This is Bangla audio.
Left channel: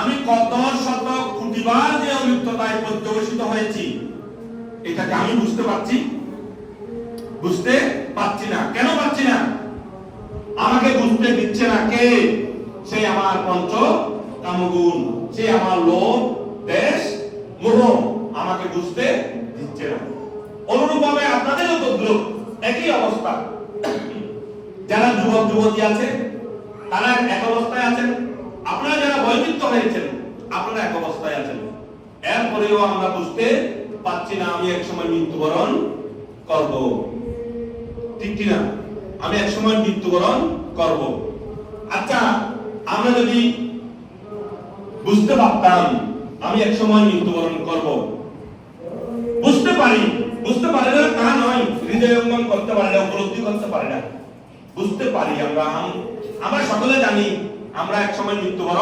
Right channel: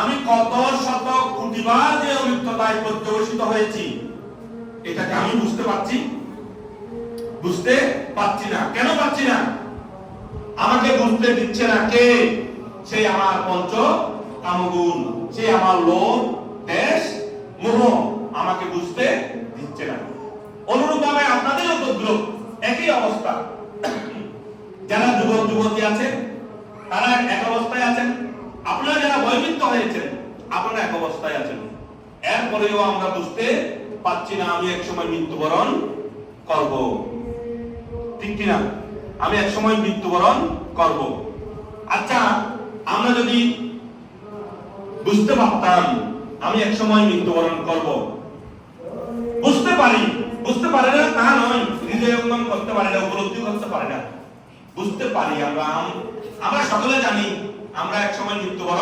আমি কত শত কোটিবার যে অলিপ্ততায় পর্যবসিত হয়েছি, এটাকে আমি বুঝতে পারছি। বুঝতে পারছি না। কেন পারছি না? আমাকে বুঝতে দিচ্ছে না কে? সে আমার পঞ্চ কামগুণ, সে আমার লোভ, দেশ, মোহ, আমাকে বুঝতে দিচ্ছে না। অনুরূপ ভাবে আপনাদেরও তদ্রুপ একই অবস্থা। যারা যুবক যুবতী আছে, তারা এক অবস্থায় আছেন। আপনারা যারা বৈমিত্য হয়েছেন, আপনারা এক অবস্থায় আছেন। এরপরেও আমরা বুঝতে পারছি না আমি এক সময় মৃত্যুবরণ করব। ঠিক কিনা? আমি এক সময় মৃত্যুবরণ করব। আচ্ছা আমরা যদি বুঝতে পারতাম, আমি এক সময় মৃত্যুবরণ করব। বুঝতে পারি, বুঝতে পারে না, তা নয়। হৃদয় অঙ্গন করতে পারে না, উপলব্ধি করতে পারে না। বুঝতে পারি আমরা আম- আমরা সকলে জানি আমরা এক সময় মৃত্যুবরণ